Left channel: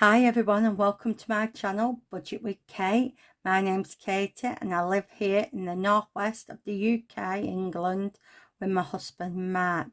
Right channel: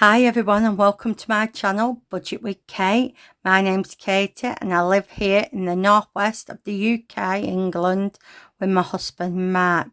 Hi everyone and welcome to my channel Budget with Kate. My name's Katie and I live here in the northwest of the UK, England, with my husband Mark.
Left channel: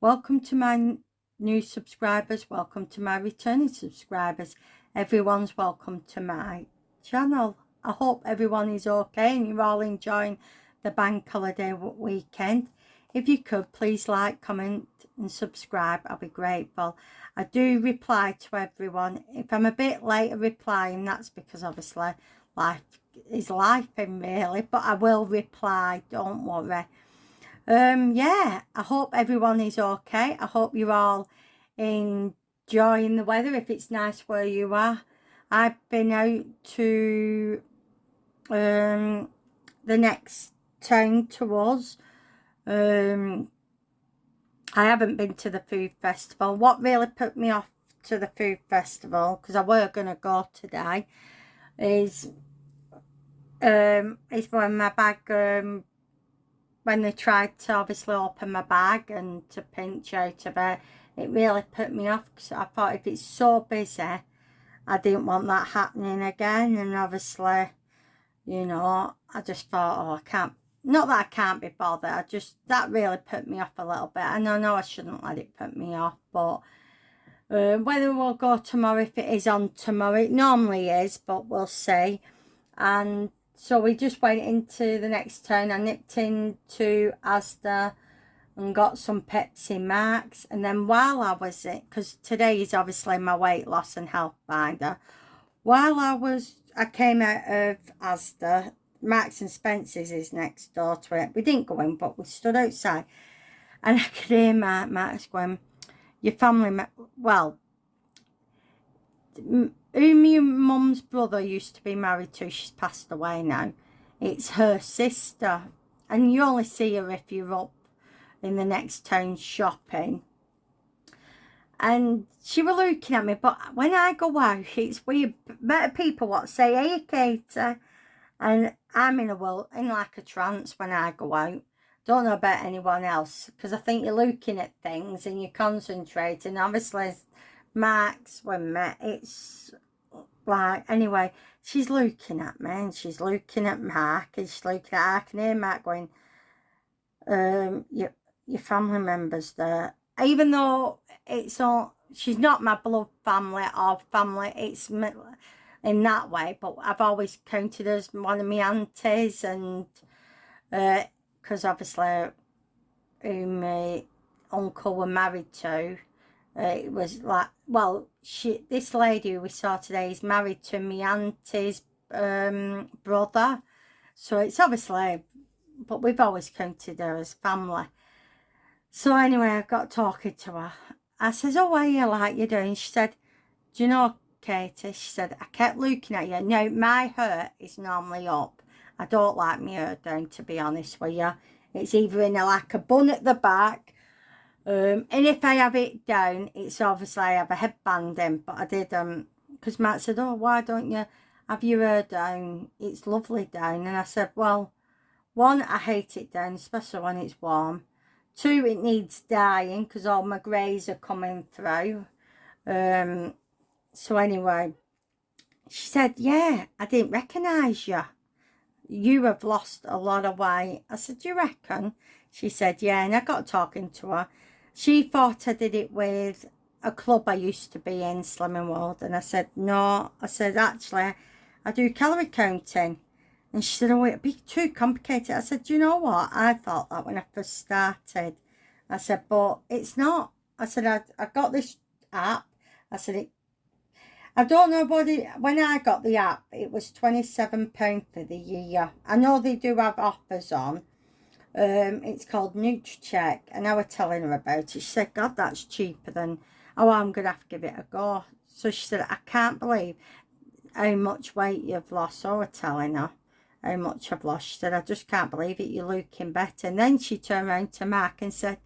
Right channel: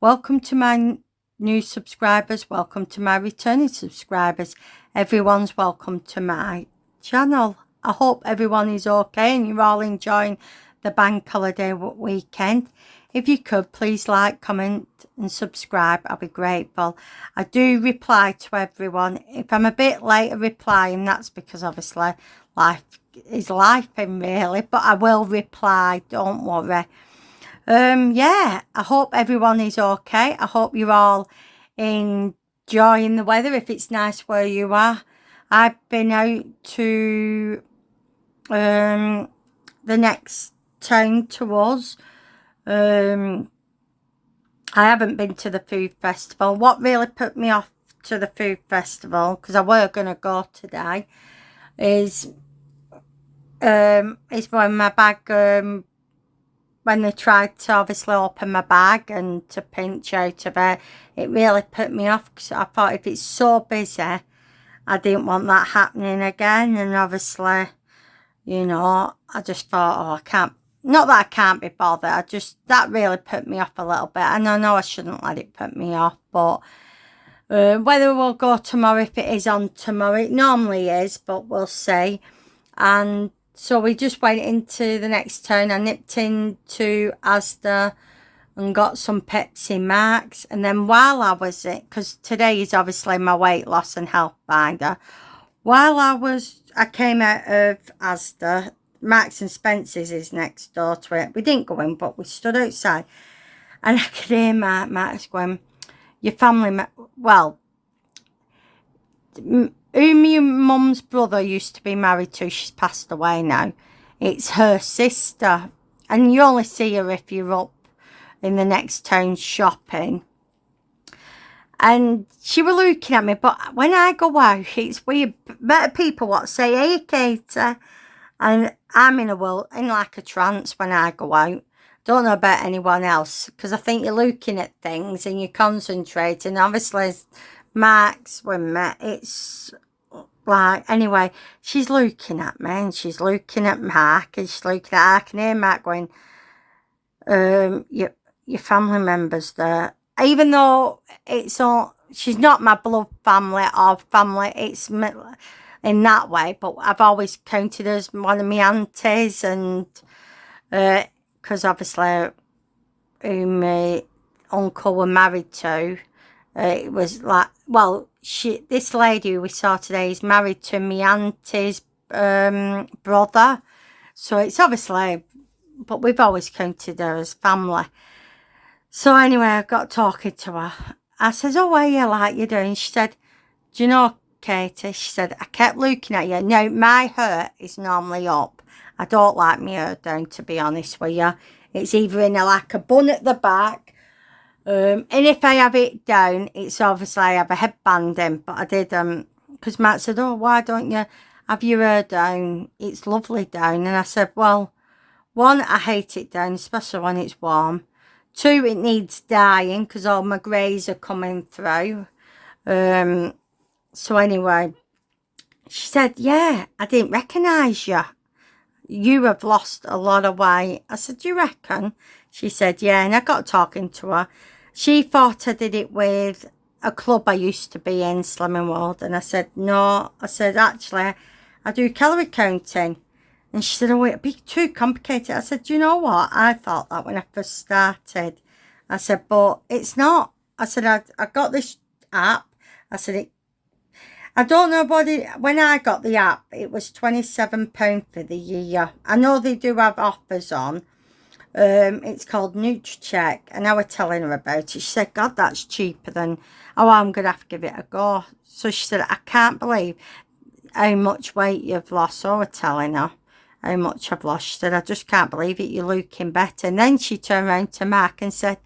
Welcome to my new subscribers, welcome to my returning subscribers. Everyone's welcome to my channel. I hope everyone is okay and you're all enjoying the bank holiday weekend. If you could, please like, comment and subscribe. I'll be grateful. I do reply to everyone. If I'm a bit late at replying, that's because obviously life is life really, but I will reply, don't worry. Yeah, I hope everyone is okay. I hope you're all enjoying the weather if it's nice where you are. I've been out to the next town to us. I haven't been to the food festival. What really put me off to the food festival, because I were going to go today, is when my bag, when they tried to obviously open my bag and to pinch out of it, it really put me off, because I thought if it's so busy, I didn't want that happening again. And obviously, you know, I just thought, oh, I can't, not that I can't be bothered, that really put me off a little bit. And I know I shouldn't let it put me off, but whether we'll go tomorrow, if it is on tomorrow, it normally is, but we'll see. And so we just went into the next town. I nipped into Asda and got some Pepsi Max. And then while I was it, because today is obviously my weight loss and health binder, while I came out of Asda, Marks and Spencer's is next door to it. We didn't go in, but we stood outside. And I could hear Max going, your family, well, whom your mum's brother used to be married to, she's passed away now. It's her sister. And you only see her if you're up in the next town shopping. And she was looking at me, but when I go out, it's weird. Better people what say, hey, Katie. And I'm in like a trance when I go out. Don't know about anyone else, because I think you're looking at things and you're concentrating. Obviously, Mark's with me. It's like, anyway, she's looking at me and she's looking at Mark and she's looking at, I can hear Mark going, your family members there. Even though it's all, she's not my blood family or family, it's in that way, but I've always counted as one of my aunties, and because obviously who my uncle were married to, it was like, well, this lady who we saw today is married to my auntie's brother, so it's obviously, but we've always counted her as family. So anyway, I got talking to her. I says, oh, what are you like you doing? She said, do you know, Katie, she said, I kept looking at you. Now, my hair is normally up. I don't like my hair down, to be honest with you. It's either in like a bun at the back. And if I have it down, it's obviously I have a headband in. But I did, because Matt said, oh, why don't you have your hair down? It's lovely down. And I said, well, one, I hate it down, especially when it's warm. Two, it needs dyeing because all my greys are coming through. So anyway, she said, yeah, I didn't recognise you. You have lost a lot of weight. I said, do you reckon? She said, yeah. And I got talking to her. She thought I did it with a club I used to be in, Slimming World. And I said, no. I said, actually, I do calorie counting. And she said, oh, it'd be too complicated. I said, do you know what? I thought that when I first started. I said, but it's not. I said, I got this app. I said, I don't know what it, when I got the app, it was £27 for the year. I know they do have offers on. It's called NutriCheck, and I was telling her about it. She said, God, that's cheaper than, oh, I'm going to have to give it a go. So she said, I can't believe how much weight you've lost. So I was telling her how much I've lost. She said, I just can't believe it. You're looking better. And then she turned around to Mark and said,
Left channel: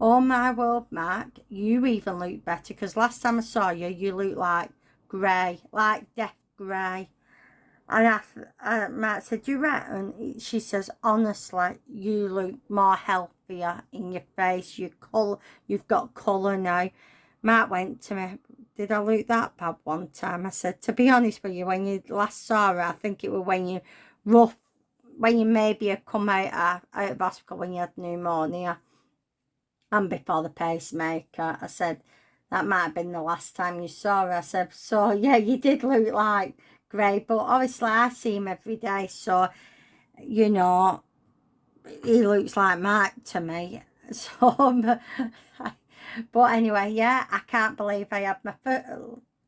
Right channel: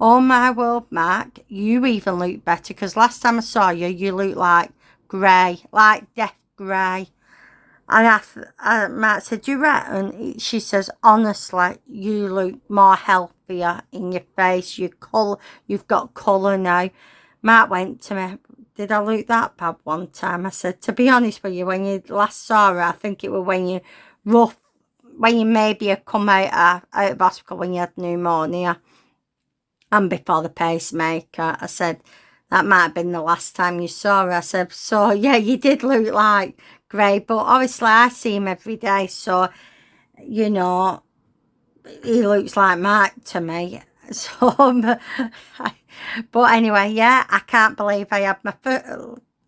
oh my word, Mark, you even look better. Because last time I saw you, you look like grey, like death grey. And Mark said, do you reckon? She says, honestly, you look more healthier in your face. You've got colour now. Mark went to me, did I look that bad one time? I said, to be honest with you, when you last saw her, I think it was when you when you maybe had come out of hospital when you had pneumonia and before the pacemaker. I said, that might have been the last time you saw her. I said, so yeah, you did look like grey, but obviously I see him every day, so, you know, he looks like Mark to me. So, but anyway, yeah, I can't believe I had my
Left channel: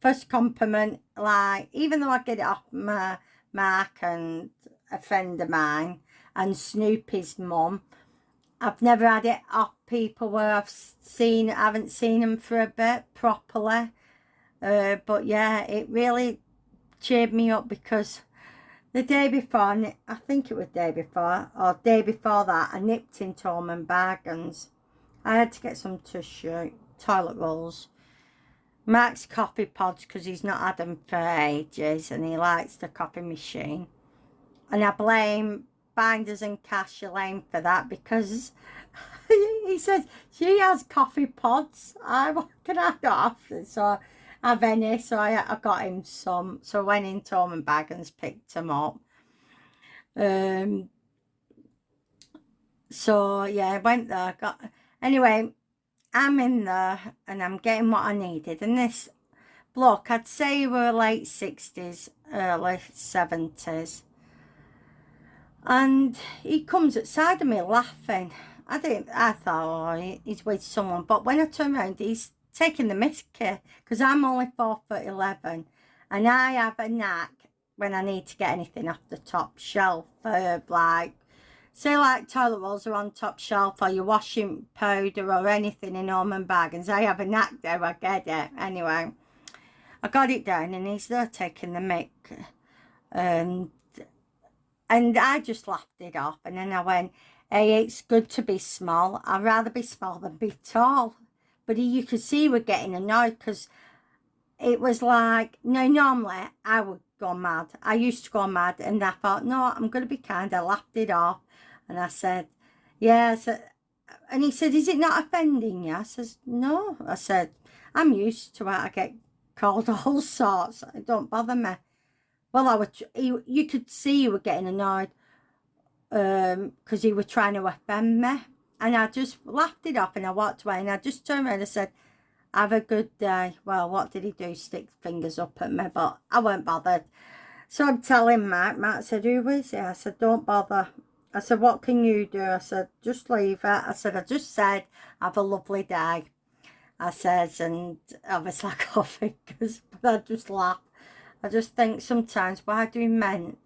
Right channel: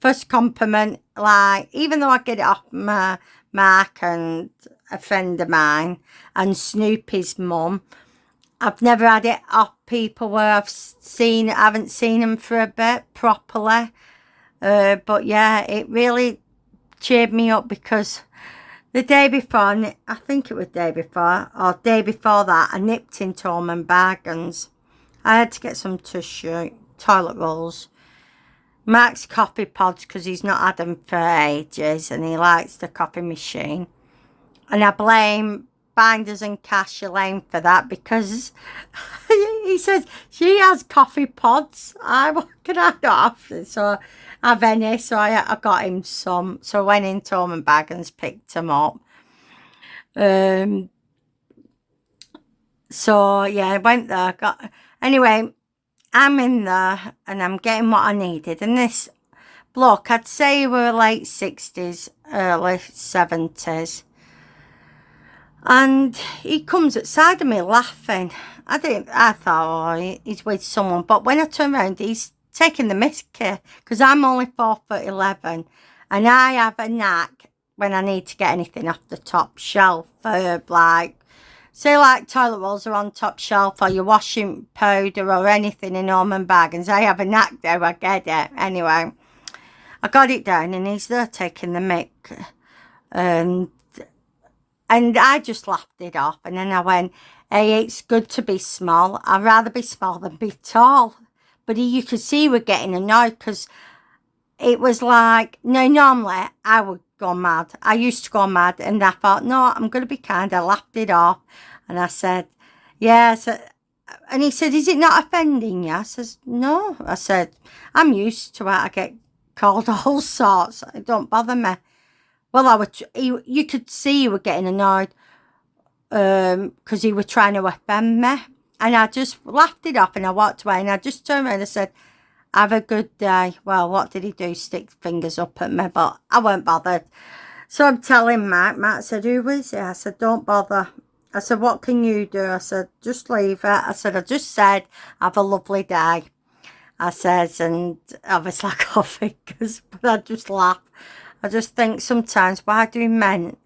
first compliment, like, even though I get it off my Mark and a friend of mine and Snoopy's mum, I've never had it off people where I haven't seen them for a bit properly. But yeah, it really cheered me up because the day before, I think it was day before, or day before that, I nipped into Home & Bargains. I had to get some tissue, toilet rolls, Mark's coffee pods because he's not had them for ages and he likes the coffee machine. And I blame Binders and Cash Elaine for that because he says she has coffee pods. What can I not have? So I've any, so I got him some. So I went into Home & Bargains, picked them up. So yeah, I went there, anyway, I'm in there and I'm getting what I needed. And this bloke, I'd say we were late 60s, early 70s. And he comes outside of me laughing. I thought, oh, he's with someone. But when I turn around, he's taking the mickey because I'm only 4'11", and I have a knack when I need to get anything off the top shelf. Like, say like toilet rolls are on top shelf or your washing powder or anything in Home & Bargains. I have a knack there, I get it. Anyway, I got it down and he's there taking the mick. And I just laughed it off. And then I went, hey, it's good to be small. I'd rather be small than be tall. But you could see he was getting annoyed because it was like, no, normally I would go mad. I used to go mad. And I thought, no, I'm going to be kind. I laughed it off. And I said, yeah. And he said, is it not offending you? I says, no. I said, I'm used to it. I get called all sorts. It don't bother me. Well, you could see he was getting annoyed because he was trying to offend me. And I just laughed it off and I walked away and I just turned around and said, have a good day. Well, what did he do? Stick fingers up at me, but I weren't bothered. So I'm telling Matt. Matt said, who is it? I said, don't bother. I said, what can you do? I said, just leave it. I said, I just said, have a lovely day. I says, and obviously I got fingers, but I just laugh. I just think sometimes, why do men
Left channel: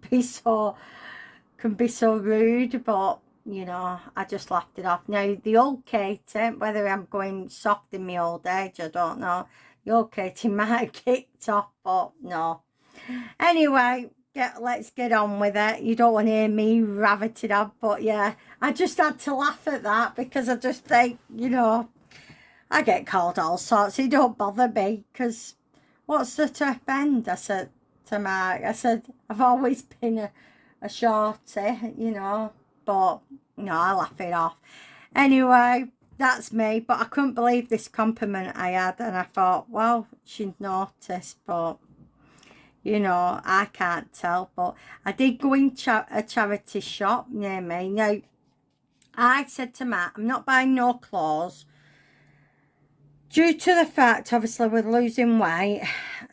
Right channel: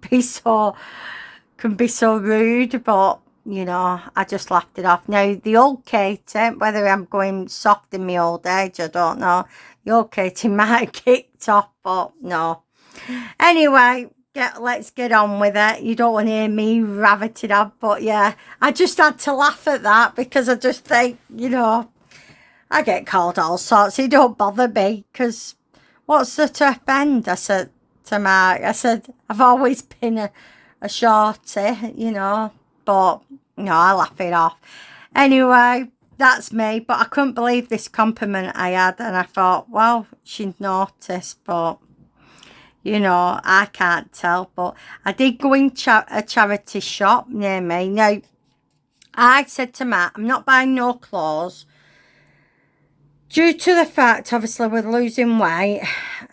can be so rude? But, you know, I just laughed it off. Now, the old Katie, whether I'm going soft in my old age, I don't know. The old Katie might have kicked off, but no. Anyway, let's get on with it. You don't want to hear me raveted up, but yeah, I just had to laugh at that because I just think, you know, I get called all sorts. It don't bother me because what's there to offend? I said to Mark, I said, I've always been a shorty, you know, but no, I laugh it off. Anyway, that's me, but I couldn't believe this compliment I had, and I thought, well, she'd noticed, but, you know, I can't tell. But I did go in a charity shop near me. Now, I said to Matt, I'm not buying no clothes, due to the fact, obviously, we're losing weight.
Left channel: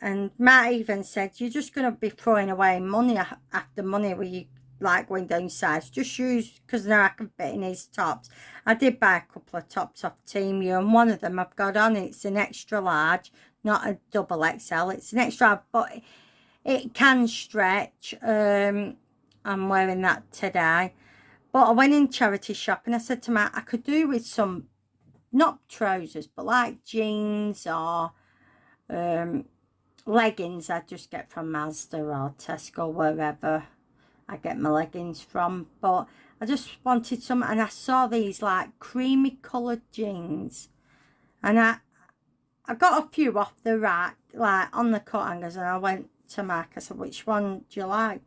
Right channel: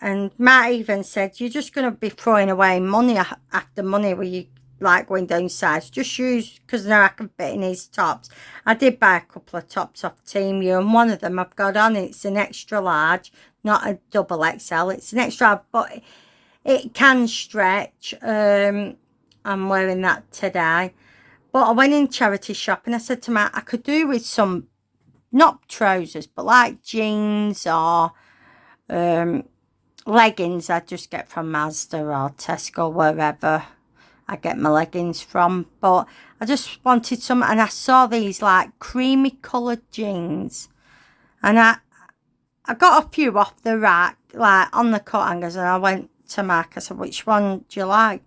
And Matt even said, you're just going to be throwing away money after money when you like going down size. Just use, because now I can fit in these tops. I did buy a couple of tops off Temu, and one of them I've got on. It's an extra large, not a double XL. It's an extra large, but it can stretch. I'm wearing that today. But I went in charity shop and I said to Matt, I could do with some, not trousers, but like jeans or leggings I just get from Mazda or Tesco, wherever I get my leggings from. But I just wanted some, and I saw these like creamy coloured jeans, and I got a few off the rack, like on the coat hangers, and I went to Mark. I said, which one do you like?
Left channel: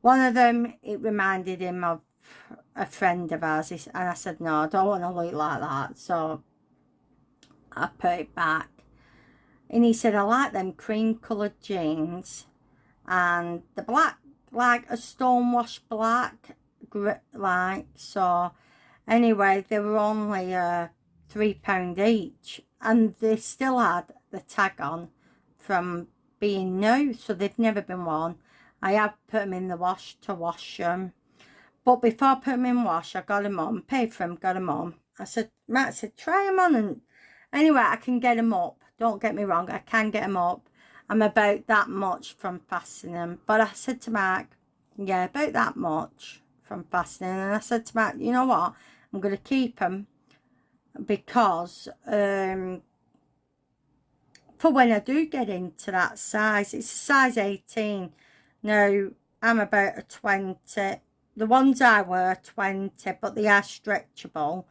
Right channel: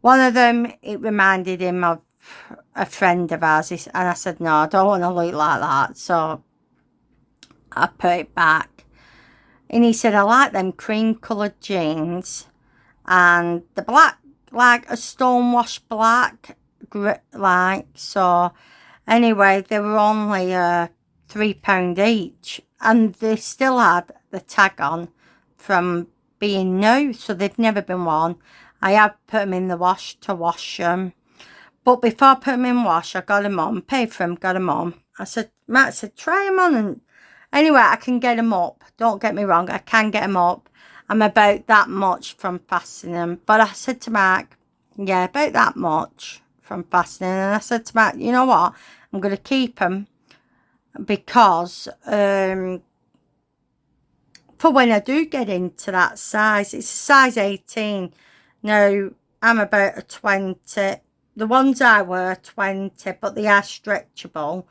One of them, it reminded him of a friend of ours, and I said, no, I don't want to look like that. So I put it back. And he said, I like them cream coloured jeans. And the black, like a stonewash black, like, so anyway, they were only £3 each, and they still had the tag on from being new, so they've never been worn. I have put them in the wash to wash them, but before I put them in wash, I got them on, paid for them, got them on. I said, Matt said, try them on, and anyway, I can get them up. Don't get me wrong, I can get them up. I'm about that much from fastening them. But I said to Mark, yeah, about that much from fastening. And I said to Mark, you know what? I'm going to keep them because for when I do get into that size, it's a size 18. Now, I'm about a 20. The ones I wear are 20, but they are stretchable.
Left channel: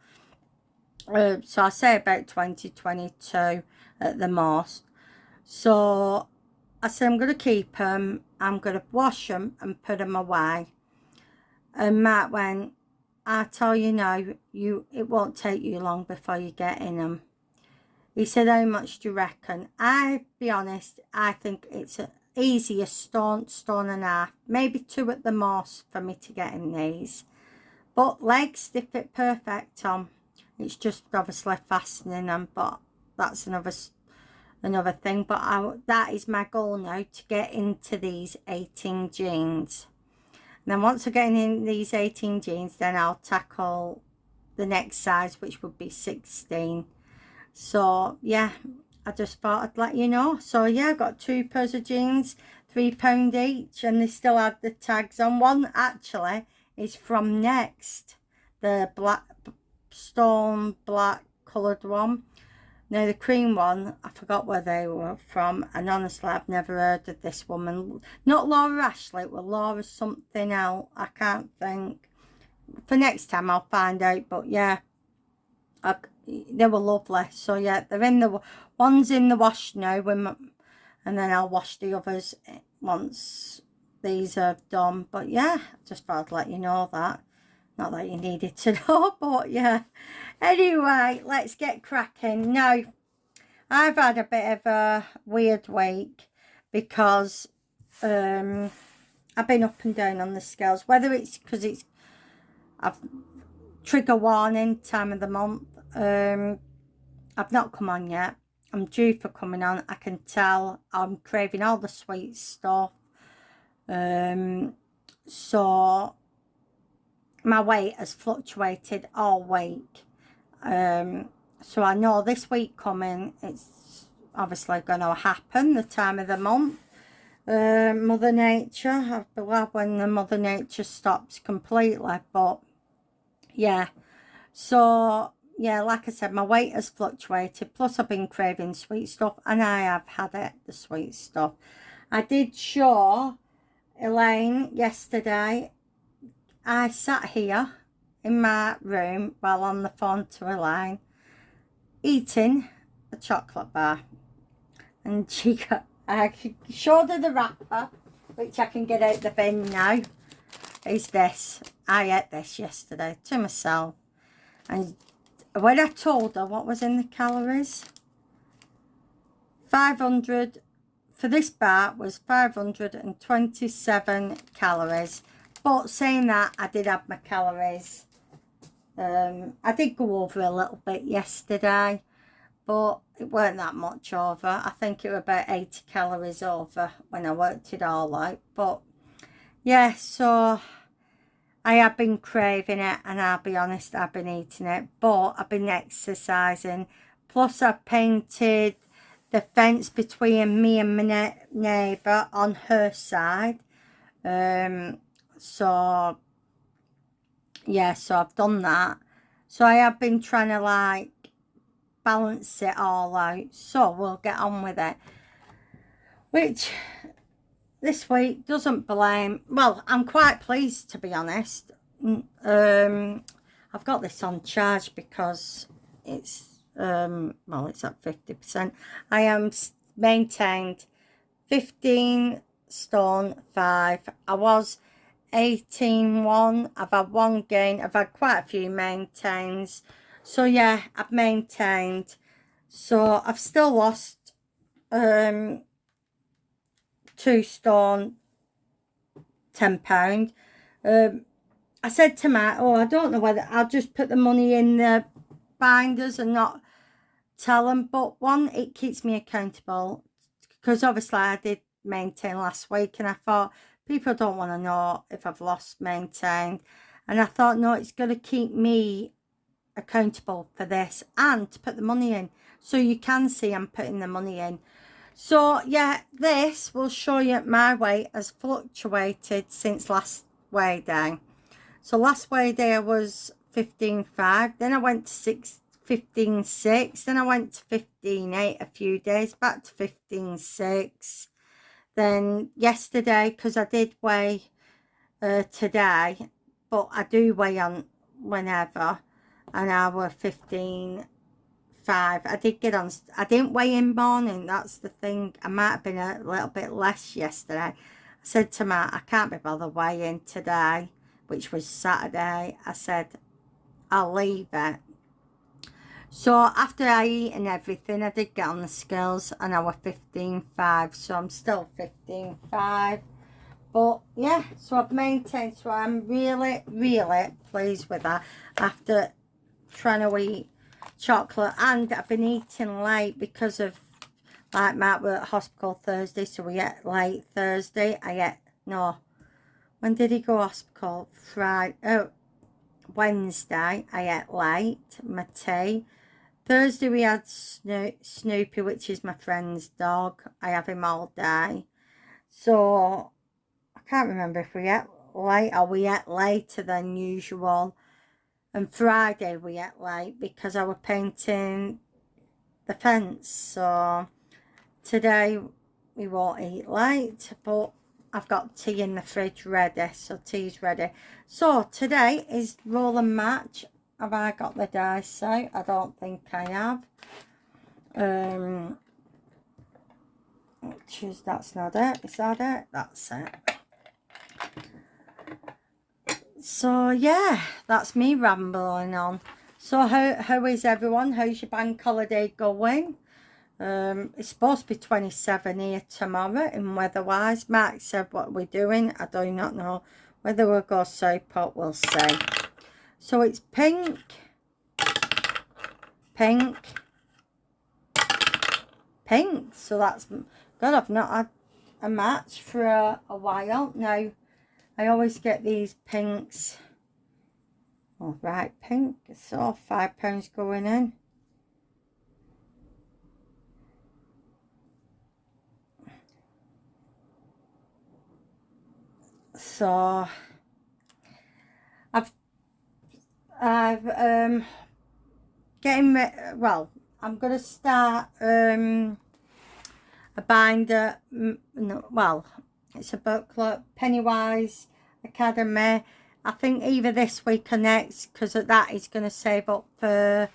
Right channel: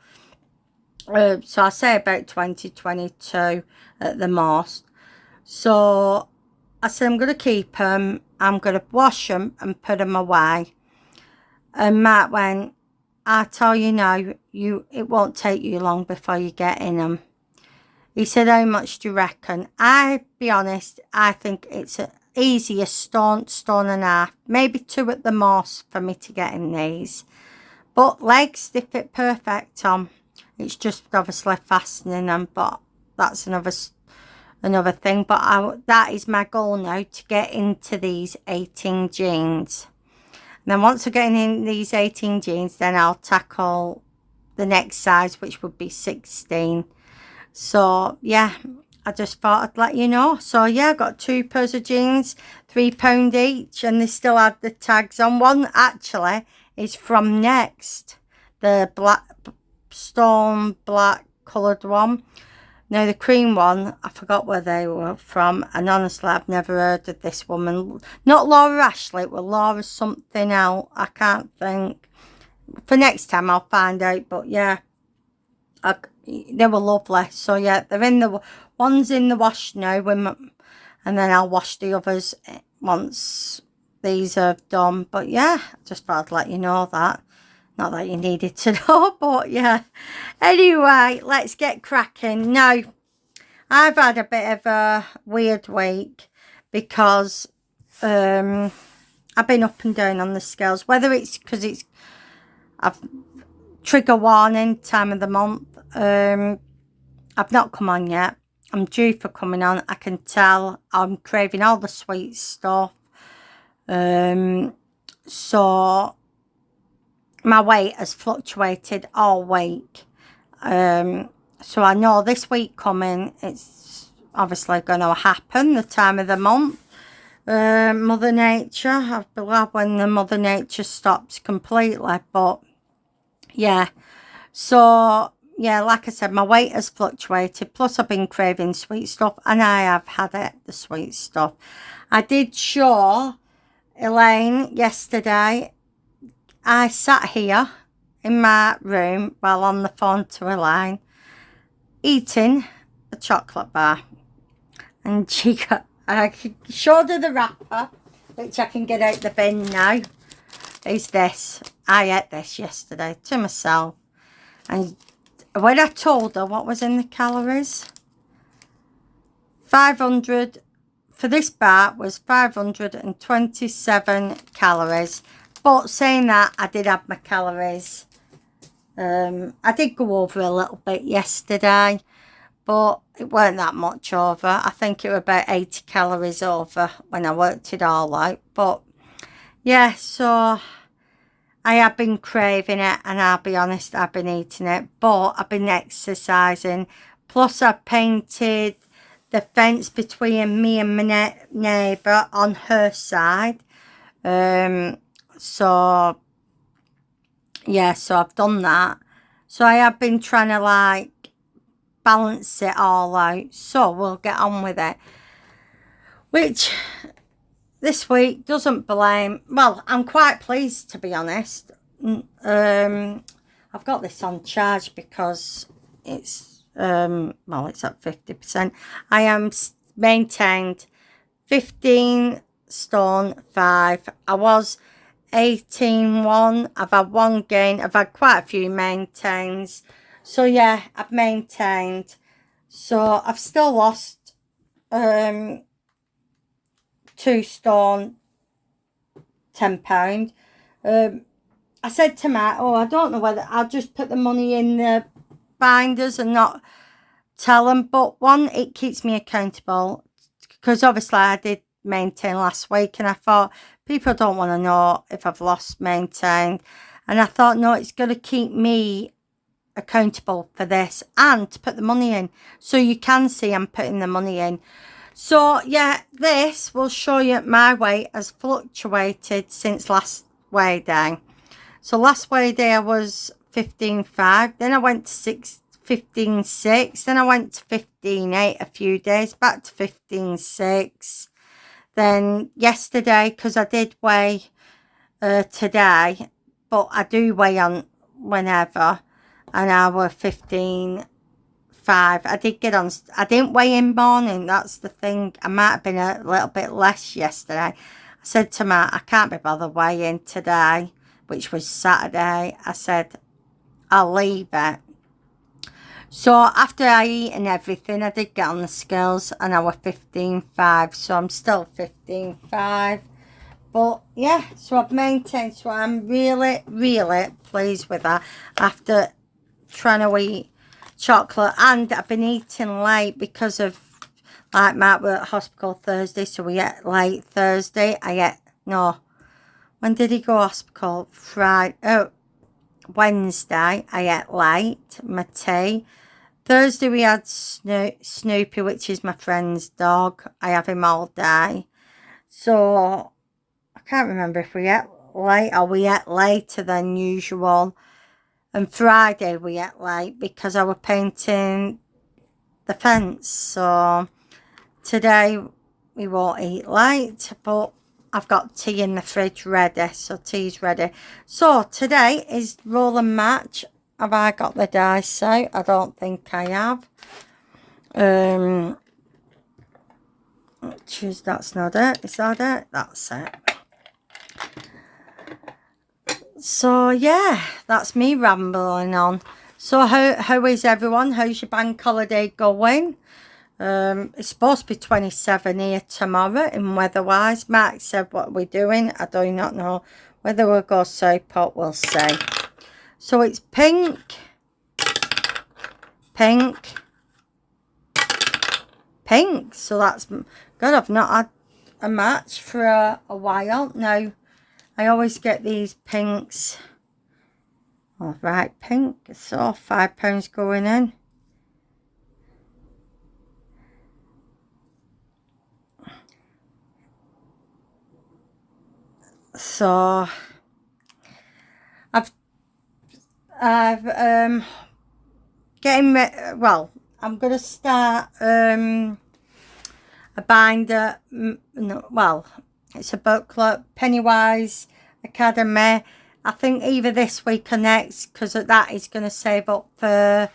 So I say about 20, 22 at the most. So I said, I'm going to keep them. I'm going to wash them and put them away. And Matt went, I tell you now, it won't take you long before you get in them. He said, how much do you reckon? I'll be honest, I think it's easy, a stone and a half, maybe 2 at the most for me to get in these. But legs, they fit perfect on. It's just obviously fastening them, but that's another thing. But that is my goal now, to get into these 18 jeans. And then once I get in these 18 jeans, then I'll tackle the next size, which would be 16. So yeah, I just thought I'd let you know. So yeah, I got 2 pairs of jeans, £3 each, and they still had the tags on. One actually is from Next, the black stone black coloured one. Now the cream one, I forgot where they were from, and honestly I've never heard of this woman. Not Laura Ashley, it was Laura something else, I can't think. For next time I'll find out, but yeah, they were lovely. So yeah, they're in the one's in the wash now, and then I'll wash the others once these are done. But yeah, I just thought I'd let you know that. Not that you needed to know, but yeah. Anyway, let's get cracking. Now, I've had a bit of a weird week because I've been up and down on the scales. Whether it's because I've trigger warning time of the month. I've not come on yet. I'm due for coming on. I can tell I'm craving all the sweet stuff. So my weight has fluctuated all week. So I know this week coming, it's obviously going to happen, the time of the month. Mother Nature, I believe when the Mother Nature stops completely, but yeah. So yeah, like I said, my weight has fluctuated, plus I've been craving sweet stuff, and I have had it, the sweet stuff. I did show Elaine yesterday. I sat here in my room while on the phone to Elaine, eating a chocolate bar, and I showed her the wrapper, which I can get out the bin now. Is this? I ate this yesterday to myself, and when I told her what was in the calories, 500 for this bar was 527 calories. But saying that, I did have my calories. I did go over a little bit yesterday, but it weren't that much over. I think it was about 80 calories over when I worked it all out. But yeah, so I have been craving it, and I'll be honest, I've been eating it, but I've been exercising. Plus, I painted the fence between me and my neighbour on her side. So yeah, so I've done that. So I have been trying to like balance it all out. So we'll get on with it. Which this week doesn't blame. Well, I'm quite pleased, to be honest. I've got this on charge because it's well, it's at 50%. I am maintained 15 stone 5. I was 18.1. I've had one gain. I've had quite a few maintains. So yeah, I've maintained. So I've still lost 2 stone £10. I said to Matt, oh, I don't know whether I'll just put the money in the binders and not tell them. But one, it keeps me accountable, because obviously I did maintain last week, and I thought people don't want to know if I've lost maintained. And I thought, no, it's going to keep me accountable for this and to put the money in, so you can see I'm putting the money in. So yeah, this will show you my weight has fluctuated since last weigh day. So last weigh day I was 15.5, then I went to 15.6, then I went to 15.8 a few days, back to 15.6. Then yesterday, because I did weigh today, but I do weigh on whenever, and I was 15.5. I did get on, I didn't weigh in morning, that's the thing. I might have been a little bit less yesterday. I said to Matt, I can't be bothered weighing today, which was Saturday. I said, I'll leave it. So after I eat and everything, I did get on the scales, and I was 15.5, so I'm still 15.5. But yeah, so I've maintained, so I'm really, really pleased with that after trying to eat chocolate. And I've been eating late because of, like, Matt were at hospital Thursday, so we ate late Thursday. When did he go hospital? Wednesday, I ate late, my tea. Thursday we had Snoopy, which is my friend's dog. I have him all day. So I can't remember if we ate late or we ate later than usual. And Friday we ate late because I was painting the fence. So today we won't eat late, but I've got tea in the fridge ready, so tea's ready. So today is roll and match. Have I got the dice out? I don't think I have. That's not it. Is that it? That's it. So yeah, that's me rambling on. So how is everyone? How's your bank holiday going? It's supposed to be 27 here tomorrow in weather-wise. Mark said what we're doing. I do not know whether we'll go Southport. We'll see. So it's pink, pink, pink. So that's good. I've not had a match for a while now. I always get these pinks. All right, pink. So £5 going in. So I've getting well, I'm gonna start a binder. Well, it's a booklet, Pennywise Academy. I think either this week or next, because that is going to save up for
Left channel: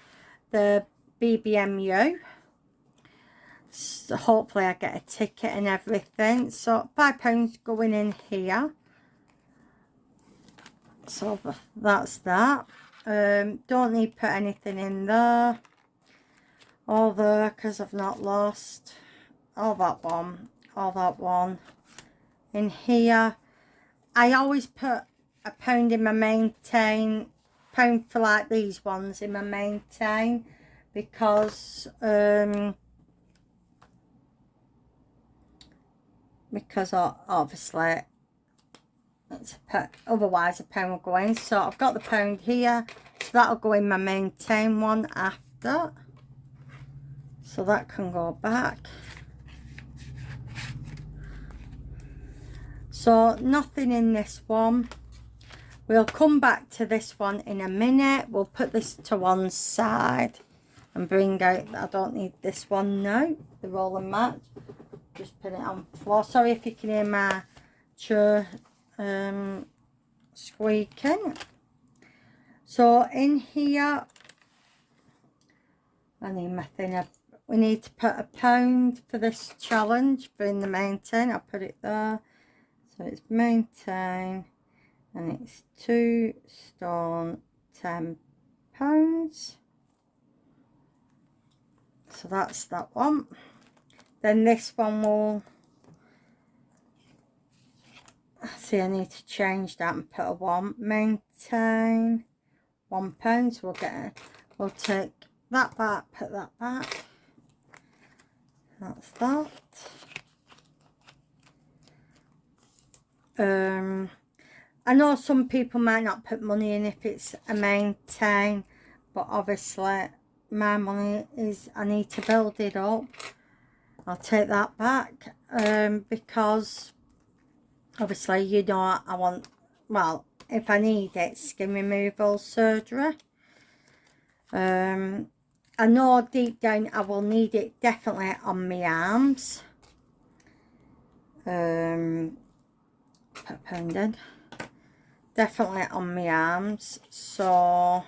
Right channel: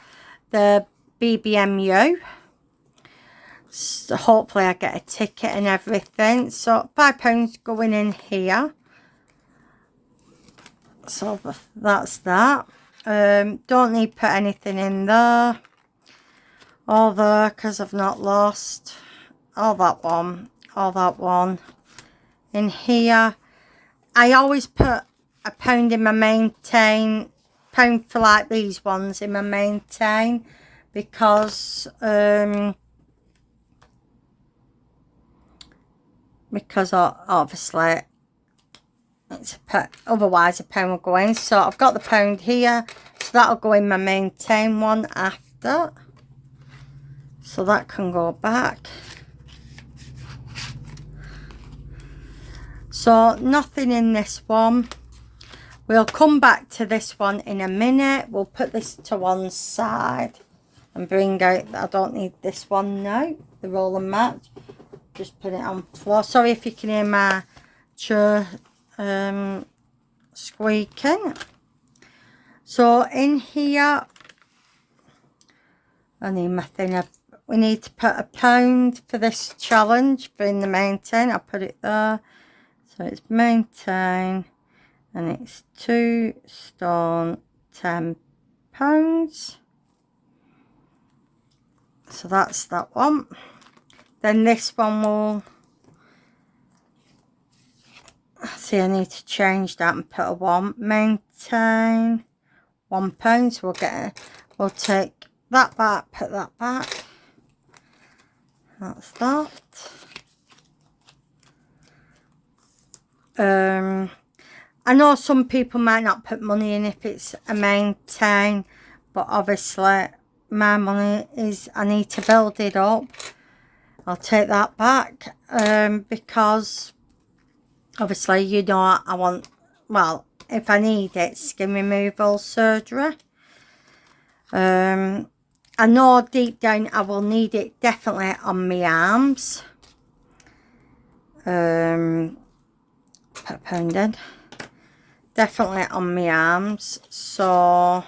the BBMU. So hopefully I get a ticket and everything. So £5 going in here. So that's that. Don't need to put anything in there. All there, because I've not lost. All that one. In here. I always put £1 in my maintain. £1 for like these ones in my maintain. Because obviously it's otherwise £1 will go in. So I've got the £1 here, so that'll go in my maintain one after, so that can go back. So nothing in this one. We'll come back to this one in a minute. We'll put this to one side and bring out, I don't need this one now, the roll and match. Just put it on the floor. Sorry if you can hear my chair squeaking. So in here, I need my thing. We need to put £1 for this challenge for in the maintain. I'll put it there. So it's maintain, and it's 2 stone £10. So that's that one. Then this one will, see, I need to change that and put a 1. Maintain £1. So we'll take that back, put that back. That's that. I know some people might not put money in if it's a maintain, but obviously my money is, I need to build it up. I'll take that back, because obviously, you know, I want, well, if I need it, skin removal surgery. I know deep down I will need it definitely on my arms. Put a pound in. Definitely on my arms. So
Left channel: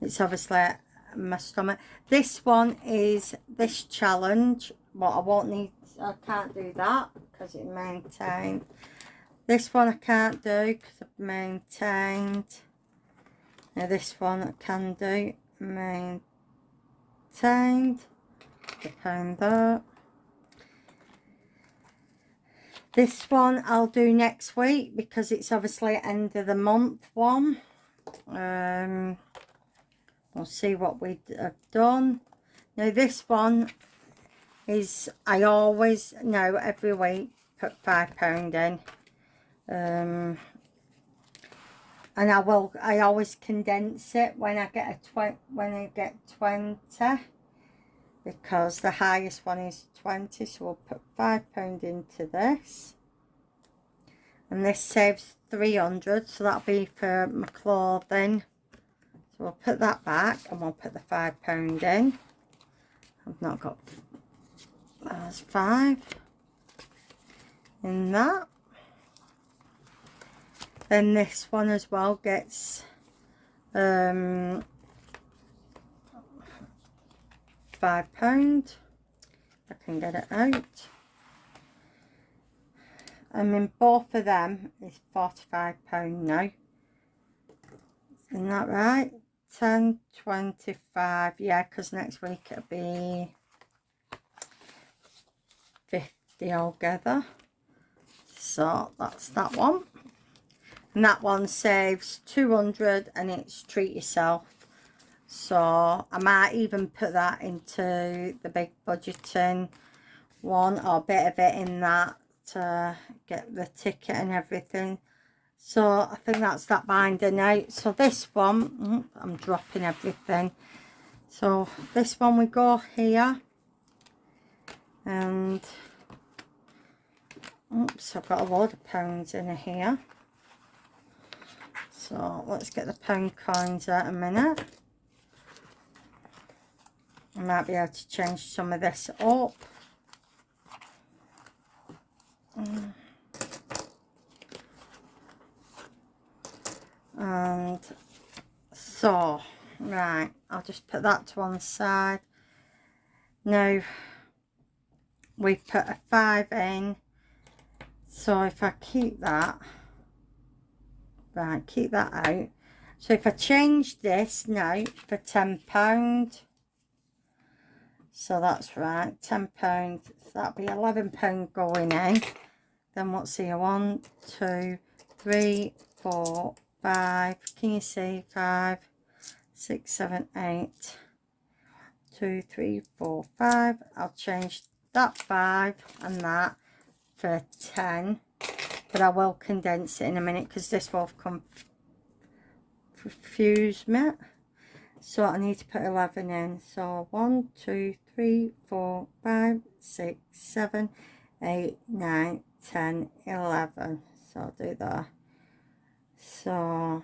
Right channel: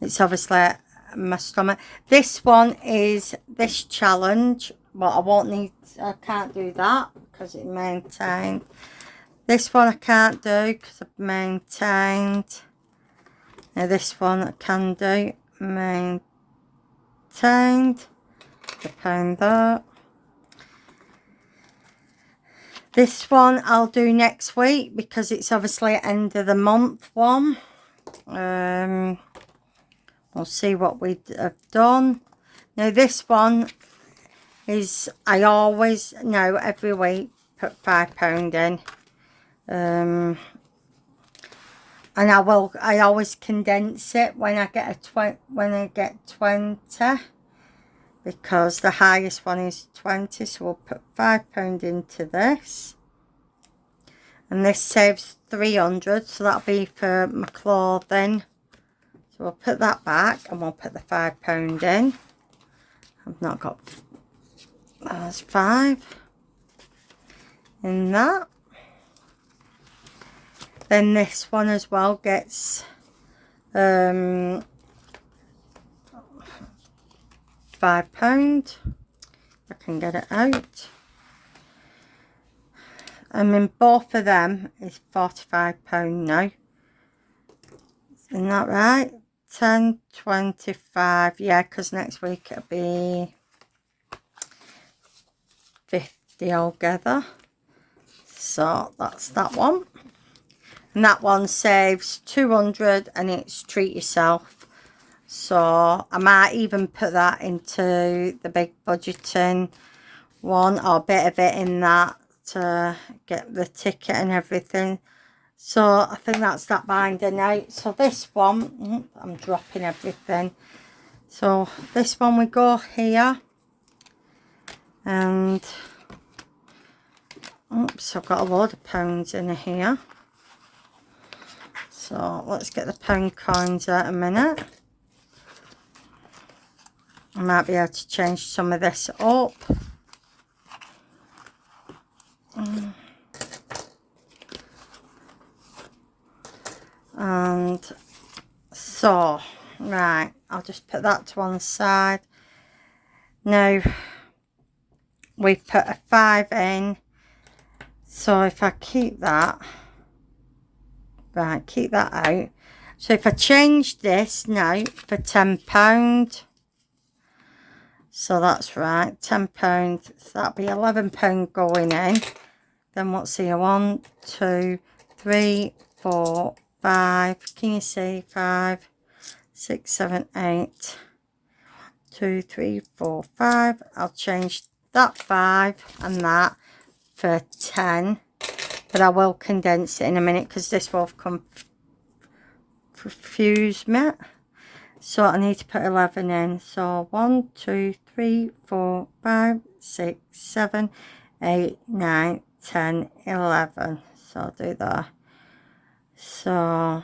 it's obviously my stomach. This one is this challenge. Well, I won't need, I can't do that because it maintained. This one I can't do because I've maintained. Now this one I can do. Maintained. Pound that. This one I'll do next week because it's obviously end of the month one. We'll see what we have done. Now this one is, I always know every week put £5 in. And I always condense it when I get get 20, because the highest one is 20. So we'll put £5 into this, and this saves 300, so that'll be for my clothing. So we'll put that back and we'll put the £5 in. I've not got, that's 5 in that. Then this one as well gets £5. I can get it out. I mean, both of them is £45 now. Isn't that right? 10, 25. Yeah, because next week it'll be 50 altogether. So that's that one. And that one saves 200 and it's treat yourself. So I might even put that into the big budgeting one, or a bit of it in that to get the ticket and everything. So I think that's that binder now. So this one, I'm dropping everything. So this one we go here. And oops, I've got a load of pounds in here. So let's get the pound coins out a minute. I might be able to change some of this up. And so, right, I'll just put that to one side. Now, we've put a 5 in. So if I keep that, right, keep that out. So if I change this now for £10, so that's right, £10, so that'll be £11 going in. Then what's here? 1, 2, 3, 4, 5. Can you see? 5, 6, 7, 8. 2, 3, 4, 5. I'll change that 5 and that for 10. But I will condense it in a minute because this will confuse me. So I need to put 11 in. So 1, 2, 3, 4, 5, 6, 7, 8, 9, 10, 11. So I'll do that. So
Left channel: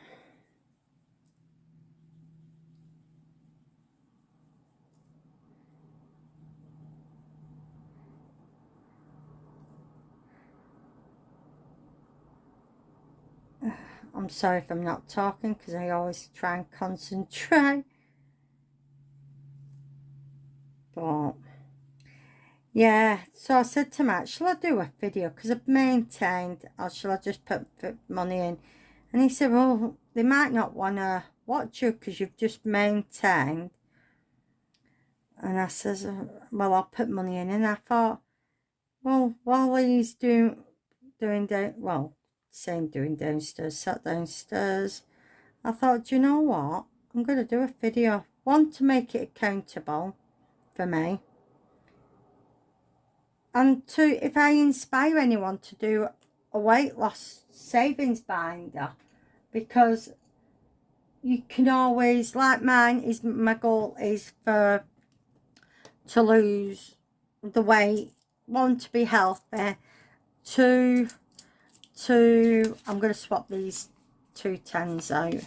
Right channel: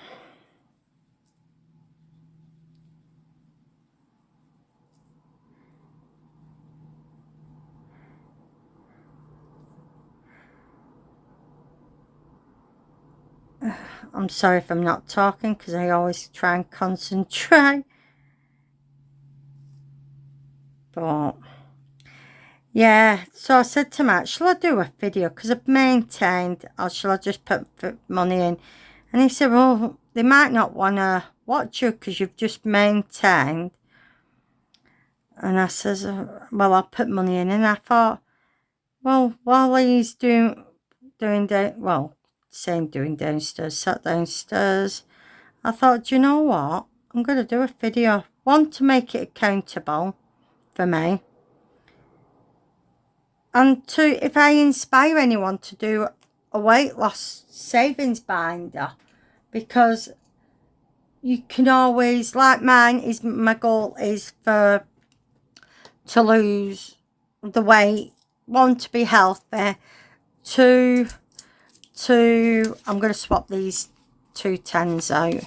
I'm sorry if I'm not talking because I always try and concentrate. But yeah, so I said to Matt, shall I do a video because I've maintained, or shall I just put money in? And he said, well, they might not want to watch you because you've just maintained. And I says, well, I'll put money in. And I thought, well, while he's doing downstairs, sat downstairs, I thought, do you know what? I'm going to do a video. One, to make it accountable for me. And two, if I inspire anyone to do a weight loss savings binder. Because you can always, like my goal is to lose the weight. One, to be healthy. Two, I'm going to swap these 2 10s out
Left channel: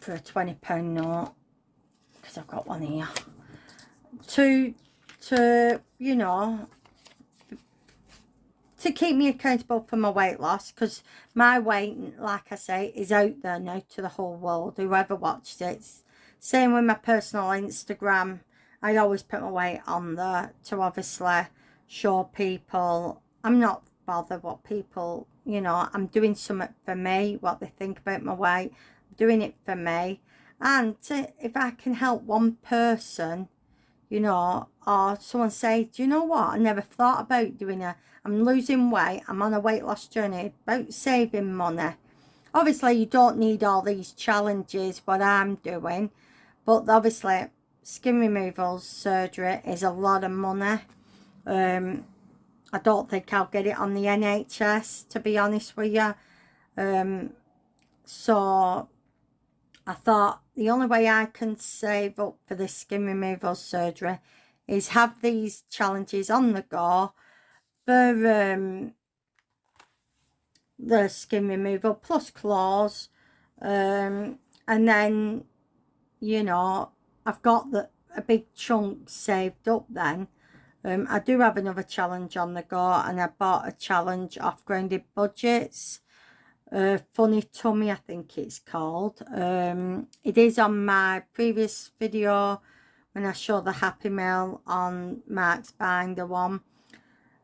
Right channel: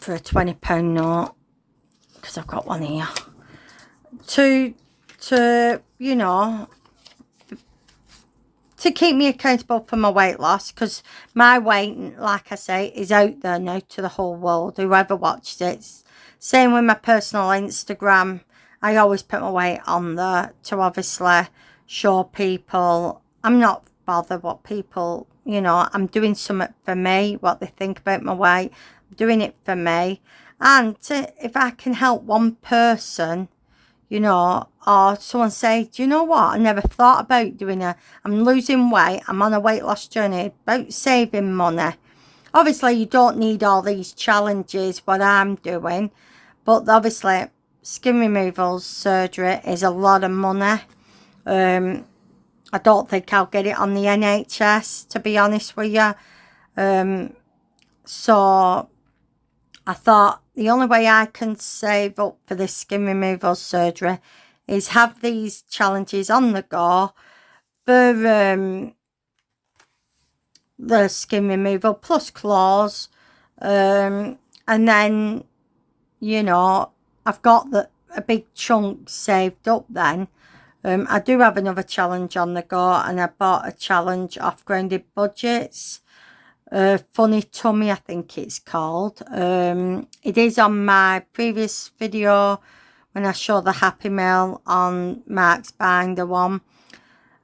for a £20 note, because I've got one here. To you know, to keep me accountable for my weight loss, because my weight, like I say, is out there now to the whole world, whoever watches it. Same with my personal Instagram. I always put my weight on there to obviously show people I'm not bothered what people, you know, I'm doing something for me, what they think about my weight. I'm doing it for me. And if I can help one person, you know, or someone say, do you know what, I never thought about I'm losing weight, I'm on a weight loss journey, about saving money. Obviously, you don't need all these challenges, what I'm doing, but obviously, skin removal surgery is a lot of money. I don't think I'll get it on the NHS, to be honest with you. So I thought the only way I can save up for this skin removal surgery is have these challenges on the go for the skin removal plus claws. And then, you know, I've got a big chunk saved up then. I do have another challenge on the go, and I bought a challenge off Grounded Budgets. Funny Tummy, I think it's called. It is on my previous video when I showed the Happy Meal on Mark's Binder one.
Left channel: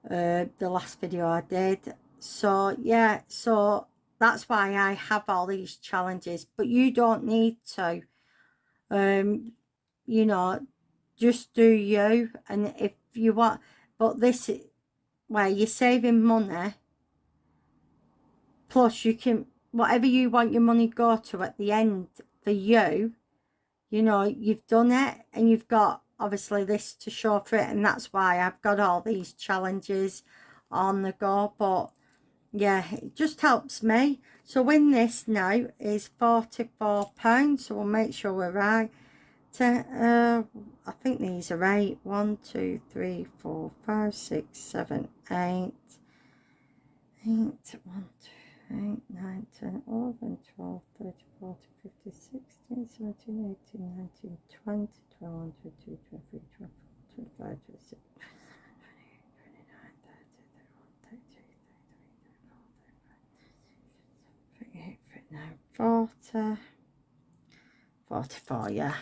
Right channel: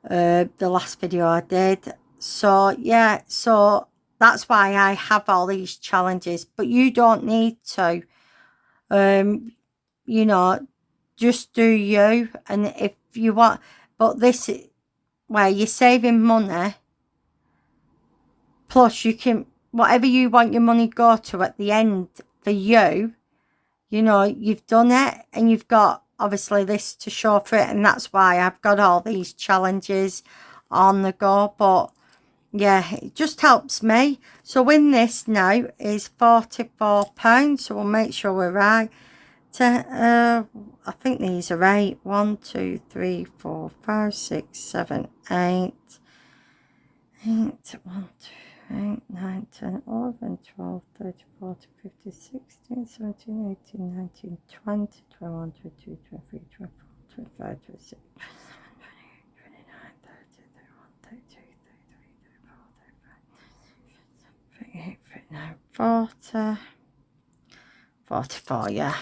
The last video I did. So, yeah, so that's why I have all these challenges. But you don't need to. You know, just do you. And if you want, but this, where you're saving money, plus you can, whatever you want your money go to at the end for you, you know, you've done it, and you've got obviously this to show for it, and that's why I've got all these challenges on the go. But yeah, it just helps me. So in this now is £44, so we'll make sure we're right. I think these are right. 1 2 3 4 5 6 7 8 8 1 2 8 9 10 11 12 13 14 15 16 17 18 19 20 21 22 23 24 25 26 40, 44, yeah.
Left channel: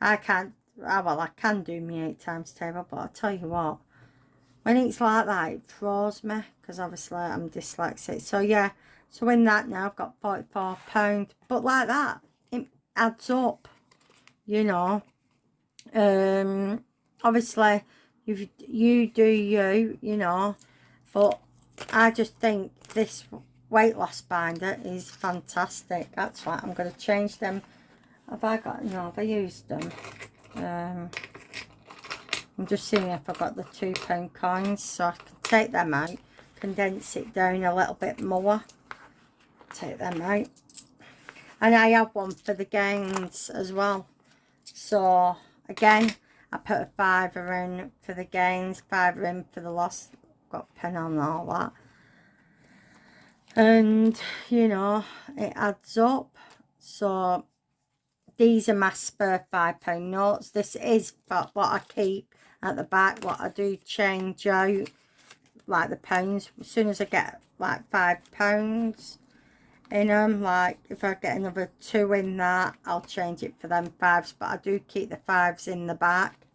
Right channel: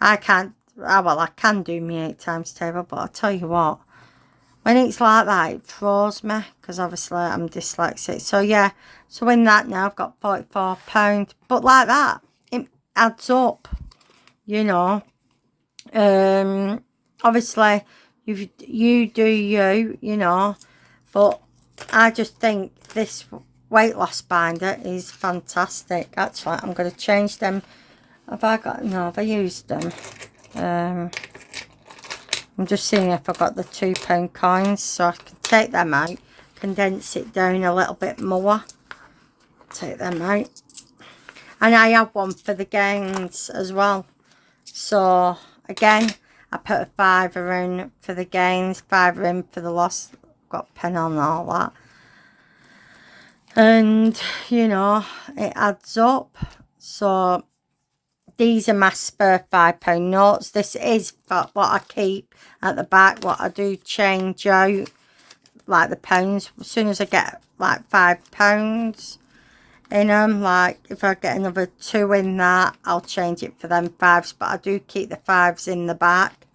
I can't, well, I can do my 8 times table, but I'll tell you what, when it's like that, it throws me, because obviously I'm dyslexic. So, yeah, so in that now, I've got £44. But like that, it adds up, you know. Obviously, you do you, you know. But I just think this weight loss binder is fantastic. Actually, I'm going to change them. Have I used them? I'm just seeing if I got the £2 coins, so I can take them out, condense it down a little bit more, take them out. And I have one for the gains as well. So again, I put a £5 in for the gains, £5 in for the loss. Got a pen on and all that. And, you know, it adds up. So these are my spare £5 notes. This is what I keep at the back, what I do change out, like the pounds. As soon as I get like £5 in them, like if I get another 2 in that, I'll change it for them 5s. But I do keep the 5s in the back.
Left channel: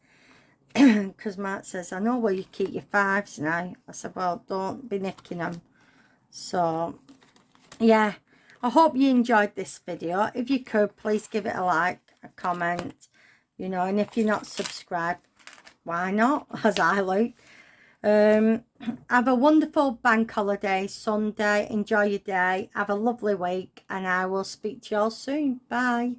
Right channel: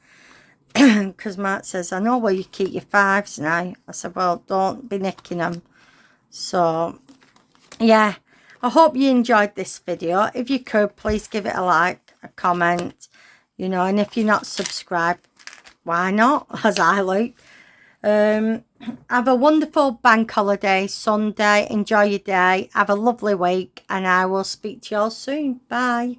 Because Mark says, I know where you keep your 5s now. I said, well, don't be nicking them. So, yeah. I hope you enjoyed this video. If you could, please give it a like, a comment. you know, and if you're not subscribed, why not, as I like. Have a wonderful bank holiday Sunday. Enjoy your day. Have a lovely week, and I will speak to you all soon. Bye.